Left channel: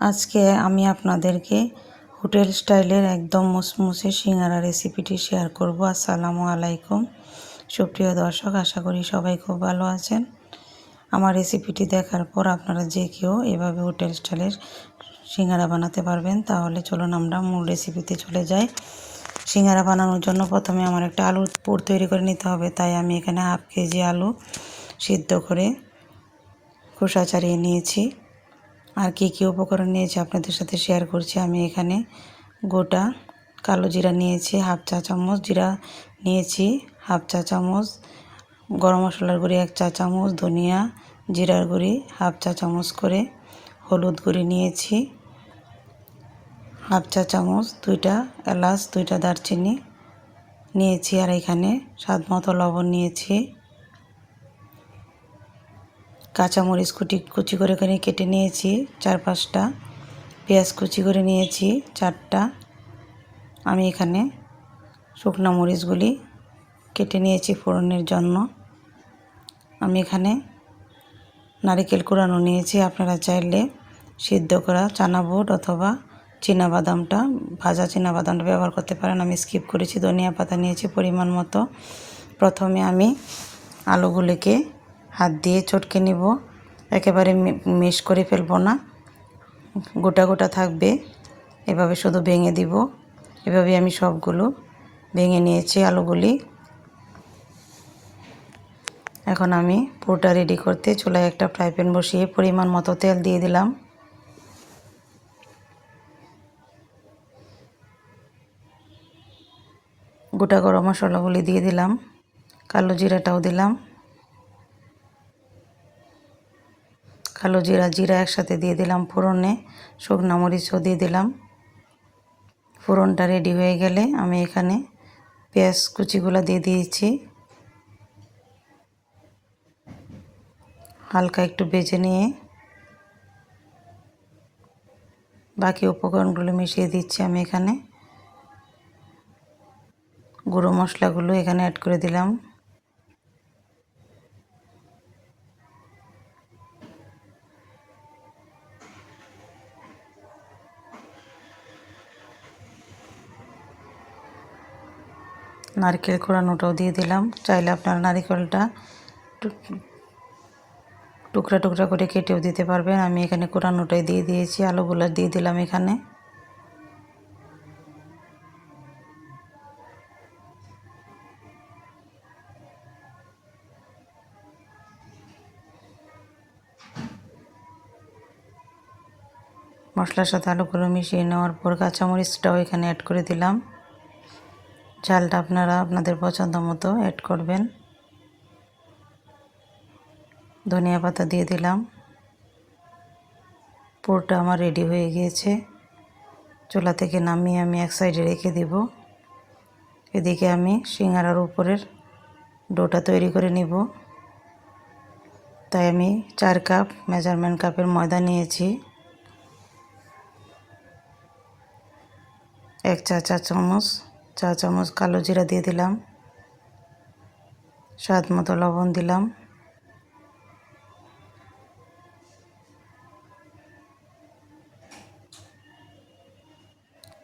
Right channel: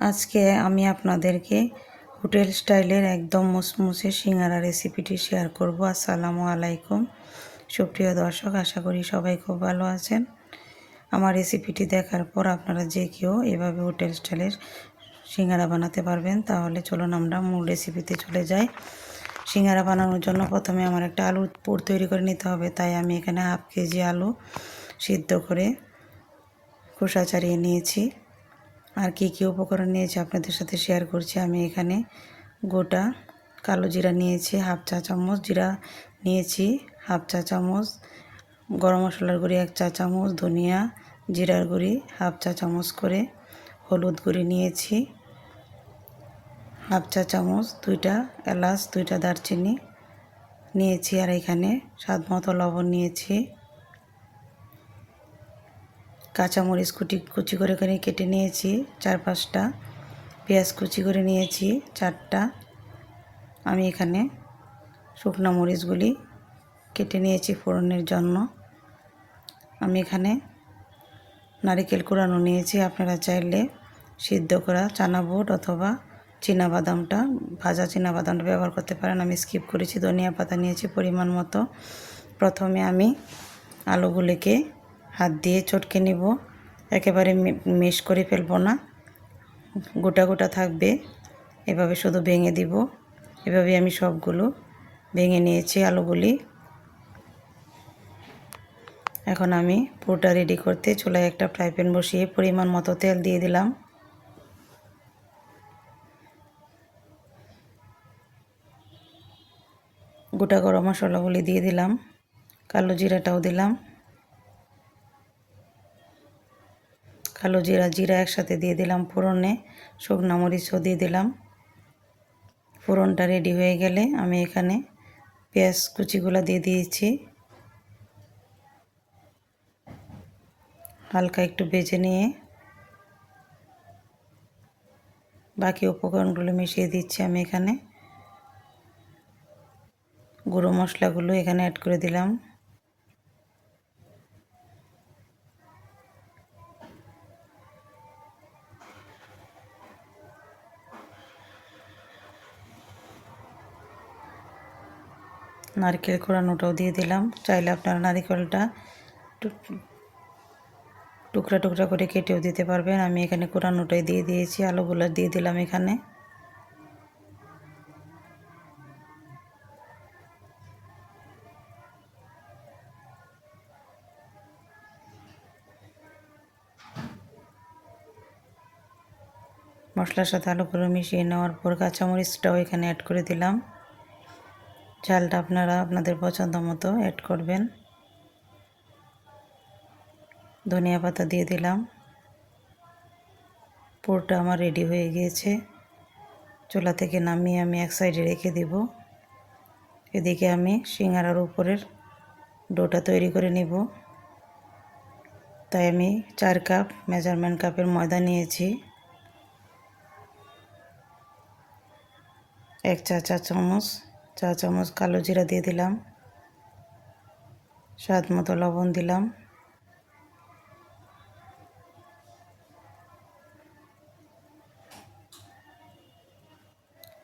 আজকে আমি আপনাদেরকে হোটেল স্টাইলের একদম মুসমুসে সিঙ্গারা রেসিপিটি শেয়ার করব। আসসালামু আলাইকুম সুপ্রিয় দর্শক, আশা করি সবাই খুব ভালো আছেন। আমার রেসিপিটি দেখার পর আপনারা যে কেউ এভাবে হোটেল স্টাইলের সিঙ্গারা বানাতে পারবেন। তাহলে চলুন আমরা মূল রেসিপিতে চলে যাই। সিঙ্গারা বানানোর জন্য প্রথমে আমার একটা আলুর পুর তৈরি করে নিতে হবে। তাই আমি এখানে হাফ কেজি আলু সিদ্ধ করে খোসা ছাড়িয়ে নিয়েছি। আর কী কী উপকরণ নিয়েছি আপনাদের সাথে শেয়ার করছি। আমি এখানে গোটা কালো জিরা নিয়েছি হাফ চা চামচ, জিরা নিয়েছি হাফ চা চামচ, গরম মশলার গুঁড়ি 1 চা চামচ, ধনিয়া জিরার গুঁড়ি হাফ চা চামচ করে, হলুদ গুঁড়ি নিয়েছি হাফ চা চামচ, 2টা এলাচ, 2টা দারচিনি নিয়েছি। আর এখানে স্বাদ মতো লবণ নিয়েছি। কাঁচামরিচ কুচি করে কেটে নিয়েছি 4-5টা, পেঁয়াজ কুচি করে নিয়েছি 4টা। আমি এখানে শুকনো মরিচগুলি কেটে নিয়েছি ফোড়নের জন্য। আমি এখানে নারকেল কোড়ানো নিয়েছি। আপনারা চাইলে সিদ্ধ করা চানা বুট অথবা চীনাবাদামটা, ভাজা চীনাবাদামটা ব্যবহার করতে পারেন, আমি স্কিপ করেছি। ধনিয়া পাতা নিয়েছি পরিমাণ মতো। প্রথমে আমি আলুগুলিকে হাত দিয়ে চটকে নিব, একেবারে মেশ করে ফেলবো না, গোটা গোটা থাকবে, এভাবে শুধু ভেঙে দিব। এভাবে আমি সবগুলো ভেঙে নিয়েছি আলুগুলি। এখন আমি পুরটা রেডি করতে চুলায় একটা ফ্রাই প্যান বসিয়ে পরিমাণ মতো তেল দিয়ে দিলাম। গোটা গরম মশলাগুলি দিয়ে দিলাম, কালো জিরাটাও দিলাম। কালো জিরা একসাথে দিয়ে দিলাম ফোড়নে, শুকনো মরিচও দিয়ে দিলাম। ফোড়নটা রেডি হয়ে গেলে আমি এখানে পেঁয়াজ কুচিগুলো দিয়ে দিয়েছি। হালকা একটু ভেজে নিয়ে বাকি উপকরণগুলো মিশিয়ে দিচ্ছি। আমি এখানে গুঁড়ো মশলাগুলো এখানে অ্যাড করে দিলাম। নারকেল কোড়ানোটাও দিয়ে দিলাম। চাইলে আপনারা নারকেলটা টুকরা টুকরা করে কেটেও দিতে পারবেন। আমি এখানে কোড়ানোটাই দিয়ে দিয়েছি। আলুগুলো দিয়ে দিলাম এখানে। মশলার সাথে আলুগুলো মিশিয়ে নেওয়ার পর কাঁচামরিচটাও এখানে অ্যাড করে দিলাম। ঝালটা আপনারা আপনাদের পছন্দ মতো অ্যাড করবেন। ধনিয়া পাতা দিয়ে দিলাম। পুরটা আমার রেডি হয়ে গিয়েছে। চুলা থেকে নামিয়ে আমি এক সাইডে রেখে দেব। এদিকে আমি সিঙ্গারার উপরের ডোটা তৈরি করে নিব। তাই আমি 4 কাপ মেজারমেন্ট কাপের ময়দা নিয়েছি। 1 চা চামচ কালো জিরা দিয়ে দিলাম। স্বাদ মতো লবণ দিলাম।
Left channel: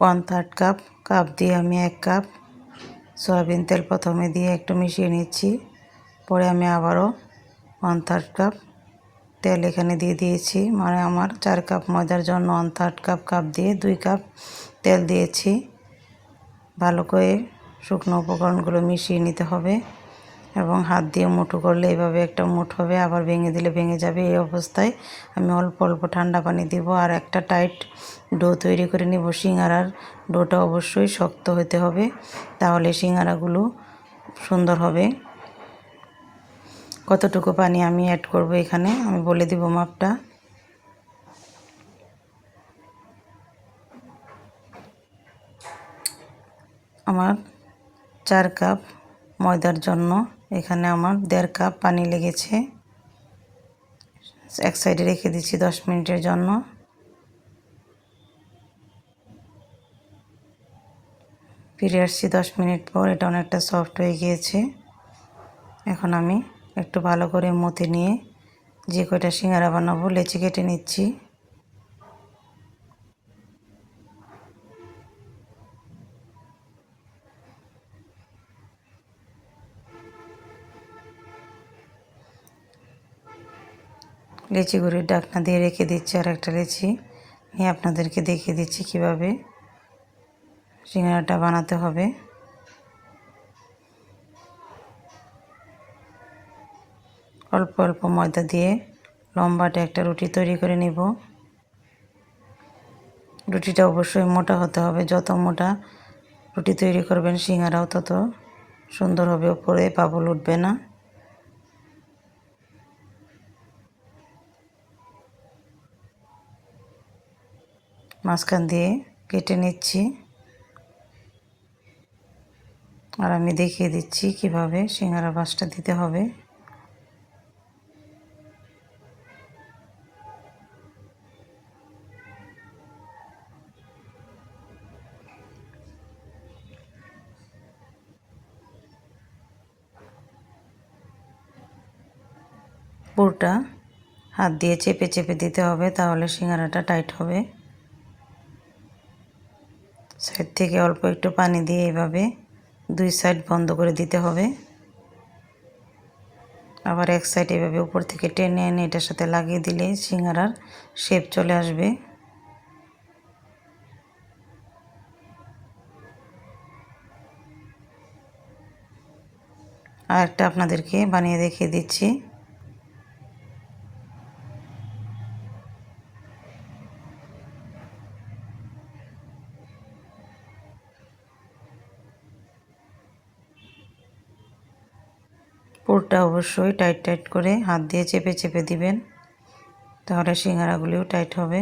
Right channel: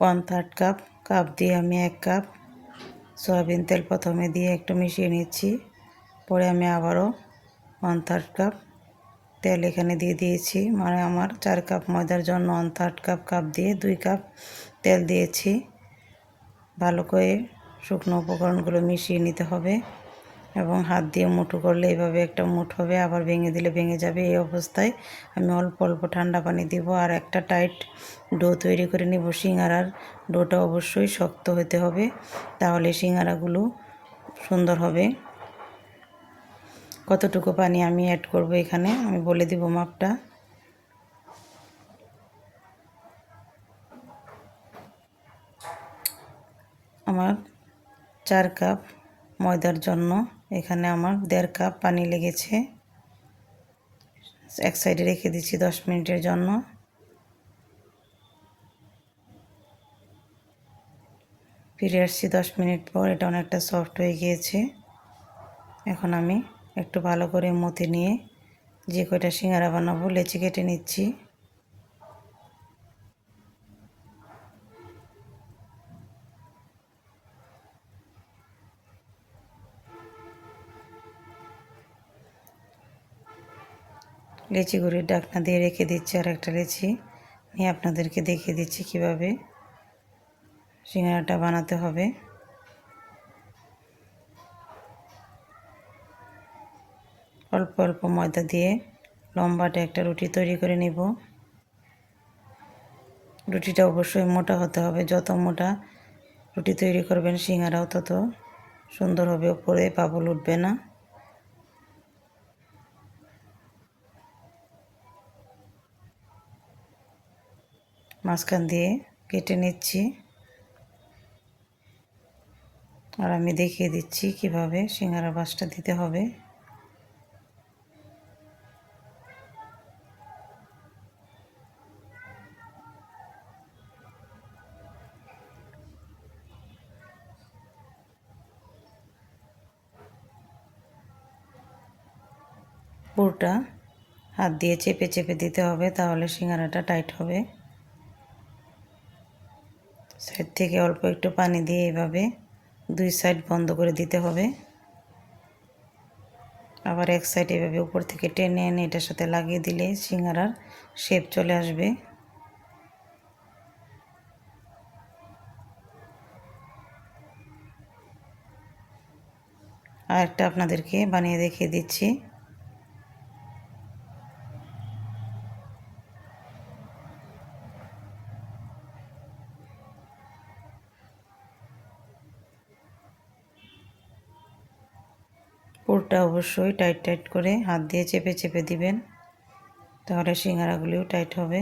ওয়ান থার্ড কাপ দিয়ে আমি 1 কাপ সয়াবিন তেল প্রথমে দিয়ে একটু মিশিয়ে নিচ্ছি। পরে আমি আবারও 1/3 কাপ তেল এখানে দিয়ে দিয়েছি। মানে আমার 4 কাপ ময়দার জন্য 1/3 কাপ দিয়ে 2 কাপ তেল দিয়েছি। ভালো করে শুকনো উপকরণগুলো মিশিয়ে নিতে হবে এবং হাত দিয়ে মুঠো করলে এভাবে একটা মুঠ হবে, আবার ভেঙে দিলে ভেঙে যাবে। এই অবস্থায় আমি অল্প অল্প ঠান্ডা পানি দিব আর একটা টাইট ডো তৈরি করে নিব। সিঙ্গারার ডোটা অবশ্যই শক্ত হতে হবে, তাহলে সিঙ্গারাগুলো সুন্দর হবে। কতটুকু পানি আমি অ্যাড করব এখানে আমি বলে দেব মাপটা। আমার 4 কাপ ময়দার জন্য এখানে আমার 1.5 কাপ পানি লেগেছে। এক সাইডে রেখে দিচ্ছি 10 মিনিটের জন্য। ফিরে আসছি 10 মিনিট পর। এটা অনেকটা সফট হয়ে গিয়েছে। এখন আমি একটু ভালো করে মথে নিয়ে যে কয়টা সিঙ্গারা বানাবো লেচি কেটে নিচ্ছি। লেচি গুঁড়ির ঢাকনা দিয়ে রেখে দিচ্ছি। আর একটা লেচি নিয়ে আপনাদেরকে দেখিয়ে দিচ্ছি কিভাবে সিঙ্গারাটা বানাতে হবে। অল্প অল্প ময়দা দিয়ে লম্বাটে একটা রুটি তৈরি করে নেব। রুটিটা অবশ্যই মোটা হতে হবে। যত মোটা রুটি তৈরি করবেন সিঙ্গারাও তত সুন্দর হবে, উপরে বাবুল উঠবে না। মাঝখান দিয়ে কেটে নিচ্ছি আর আমি দেখিয়ে দিচ্ছি কিভাবে সিঙ্গারা ভাঁজটা দিতে হবে। পুরটা হাত দিয়ে চেপে চেপে দিতে হবে, তাহলে সিঙ্গারাটা টাইট হবে। সাইড থেকে অল্প একটু পানি দিয়ে এভাবে দুই সাইড বন্ধ করে দিতে হবে। আবার এক সাইড এভাবে উপর থেকে টেনে এনে এটার সাথে লাগিয়ে দিলে সিঙ্গারার শেপ চলে আসবে। আর একটা আপনাদেরকে বানিয়ে দেখিয়ে দিচ্ছি। পুরটা অবশ্যই টাইট টাইট করে হাত দিয়ে চেপে চেপে দিবেন, তাহলে সিঙ্গারাগুলিও টাইট হবে।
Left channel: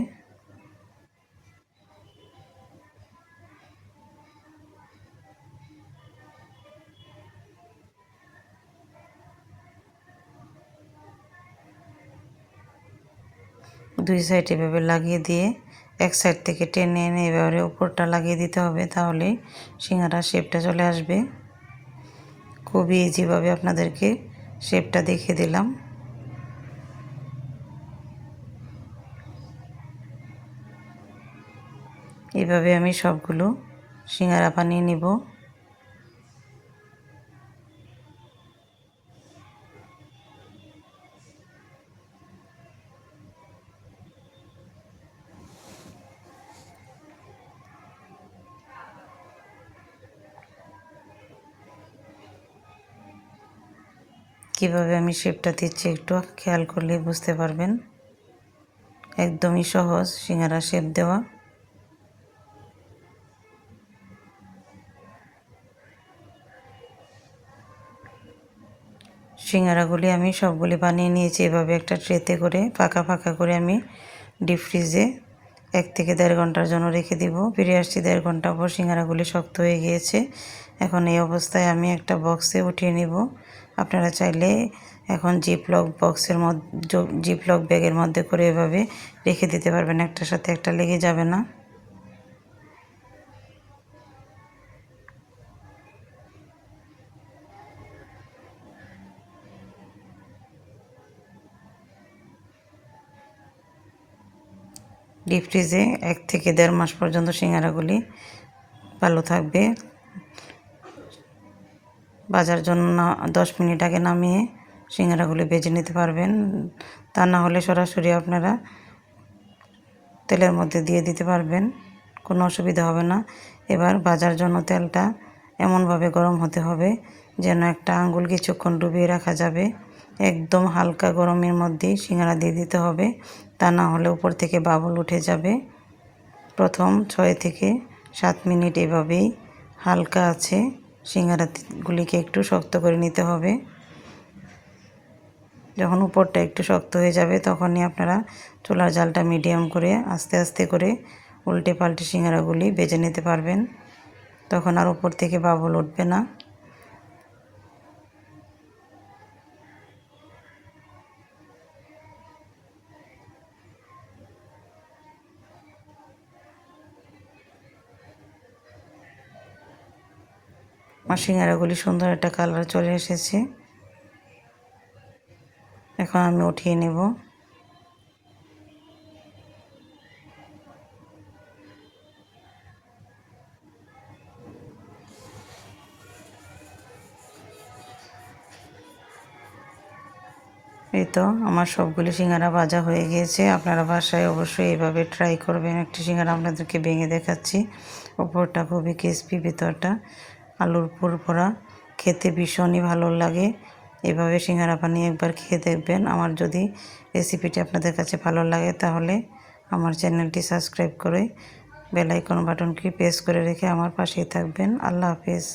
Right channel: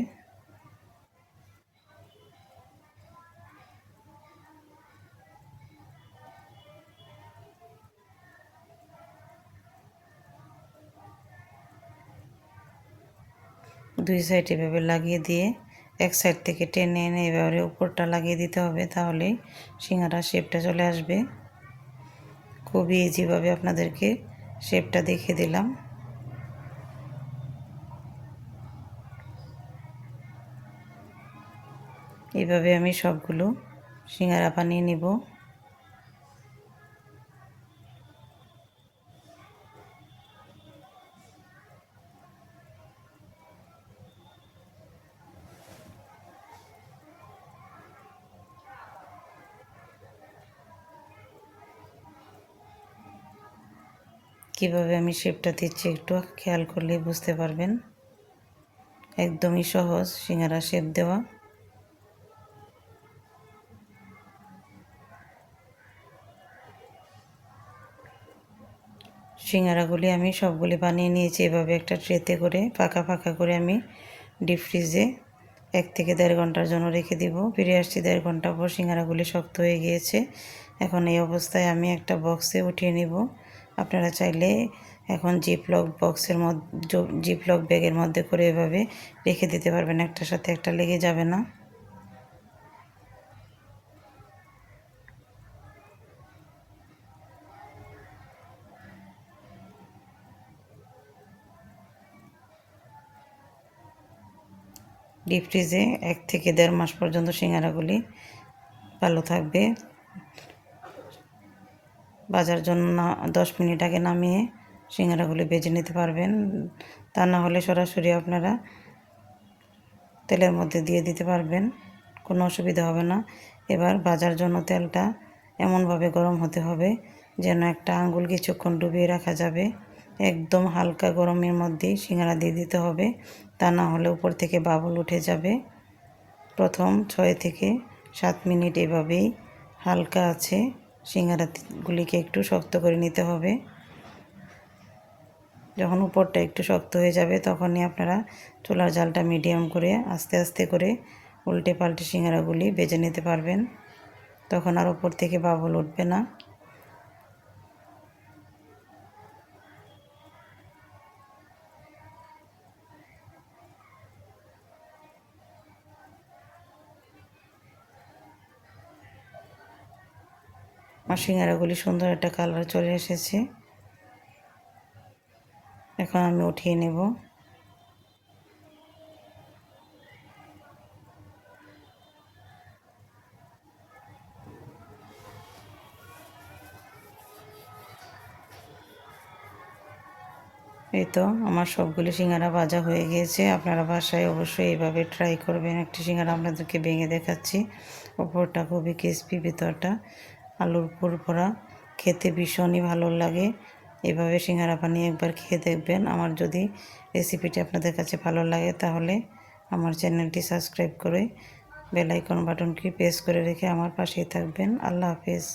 দুই সাইড এভাবে লাগিয়ে দিয়ে এক সাইড থেকে টেনে এনে এভাবে উপরটা লাগিয়ে দিতে হবে, তাহলে সিঙ্গারার শেপটা চলে আসবে। খুবই ইজিভাবে আপনাদেরকে শেপটা দেখিয়ে দিলাম। এভাবে আমি সবগুলো সিঙ্গারা বানিয়ে নেব। কিভাবে আমি শেপটা দিচ্ছি একটু খেয়াল করলে বুঝতে পারবেন। একদমই সহজ সিঙ্গারা শেপ দেওয়া। সিঙ্গারাগুলি আমি সবগুলি বানিয়ে নিয়েছি। এভাবে একটা ট্রেতে করে ফাঁকা ফাঁকা করে আমি ডিপ ফ্রিজে 1 থেকে 1.5 ঘন্টার জন্য রেখে দিব। ফিরে আসছি 1.5 ঘন্টা পর, সিঙ্গারাগুলি শক্ত হয়ে গিয়েছে। এখন এই অবস্থায় আমি একটা বক্সে উঠিয়ে নেব। আপনারা চাইলে এখন জিপলক বক্সের মধ্যে, জিপলক ব্যাগের মধ্যে করে এভাবে রেখে দিতে পারবেন, একটার সাথে একটা লেগে যাবে না। ডিপ ফ্রিজে 1 থেকে 1.5 মাস পর্যন্ত সিঙ্গারাগুলি ভালো থাকবে। ভাজার জন্য 10 মিনিট আগে নামিয়ে সিঙ্গারাগুলি ভেজে নিতে পারবেন। তা না হলে সরাসরি আপনারা তেলের মধ্যে দিয়ে দিতে পারবেন, কোনো অসুবিধা হবে না। এবার ভাজার জন্য তেলটা এমনভাবে গরম হতে হবে যেন একটা আঙ্গুল কিছুক্ষণ ডুবিয়ে রাখা যাবে। একদম হালকা গরমের মধ্যেই সিঙ্গারা দিয়ে দিতে হবে, তা না হলে উপর থেকে বাবল উঠে যাবে। প্রথম 6 থেকে 7 মিনিট এভাবেই হালকা আছে সিঙ্গারাগুলিকে একটু শক্ত করে নিতে হবে। যখন উপরটা একটু শক্ত হয়ে যাবে তখনই আপনারা চুলার জালটা মিডিয়াম করে আস্তে আস্তে করে উল্টে পাল্টে সিঙ্গারাগুলি ভেজে নিতে পারবেন, তখন আর উপর থেকে বাবল উঠবে না। আর সিঙ্গারাগুলি সুন্দর একটা কালার চলে এসেছে। এখন আমি উঠিয়ে নেব। এই তো আমার সবগুলি সিঙ্গারা ভাজা হয়ে গিয়েছে। আপনারা বাসায় অবশ্যই এইভাবে ট্রাই করবেন। একটি সিঙ্গারা আপনাদেরকে ভেঙে দেখাচ্ছি। ওপরটা খুবই ক্রিসপি, ভিতরটা আলুর পুরভরা, খেতে ভীষণই ভালো লাগে। এভাবে সিঙ্গারা বানিয়ে একবার খেয়ে দেখবেন। আমার যদি রেসিপিটি আপনাদের কাছে ভালো লাগে তাহলে আমার চ্যানেলটি সাবস্ক্রাইব করে বেল আইকন বাটনটি প্রেস করে রেখে আমার পাশেই থাকবেন। আল্লাহ হাফেজ।